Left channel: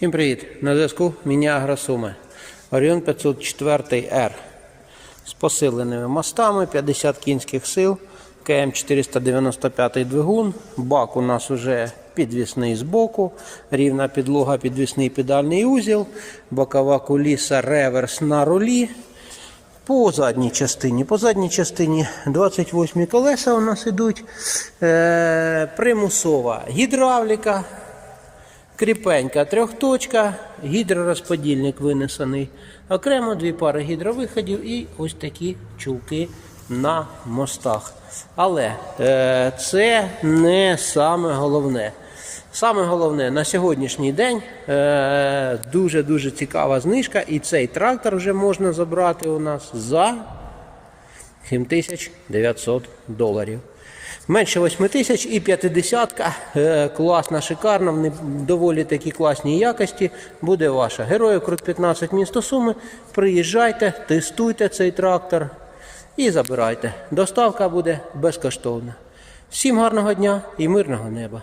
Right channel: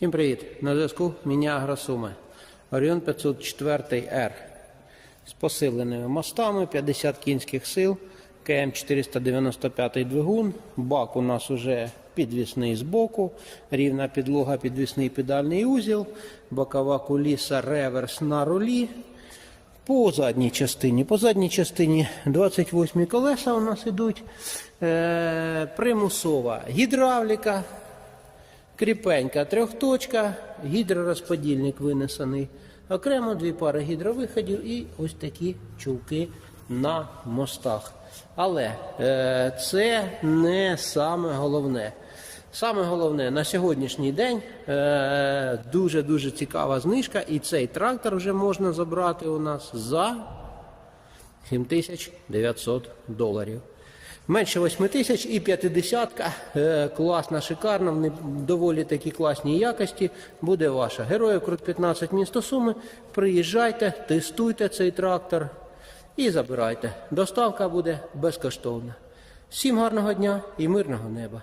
Всім привіт! На зв'язку Міні Суми. Оріон 504R з посиленими мостами, 50 кінських сил, КМ 495 двигун. Бак у нас уже підвісний збоку, рівна підлога, підвісний педальний узіл, бокова куліса, реверс на рулі. По задній частині. По задній частині 28 колеса у нас ідуть. Е, примусова гідравліка. Кріпенька трьохточка, гідророзподільник винесений. Окремо дві пари гідровиходів і ось такі чулки на мостах. Але е, це не саме головне. Саме головне на сьогоднішній день е, дуже-дуже цікава знижка, і цей трактор вже можна забрати у нас за 7900 доларів. Менше 8 тисяч і 50 е, класна, шикарна, вони доволі такі класні якості буде ваша. Героїв Крут 15 місто Суми. Приїжджайте, тестуйте цей трактор і забирайте. Доставка буде безкоштовна. Всім гарного дня і мирного неба!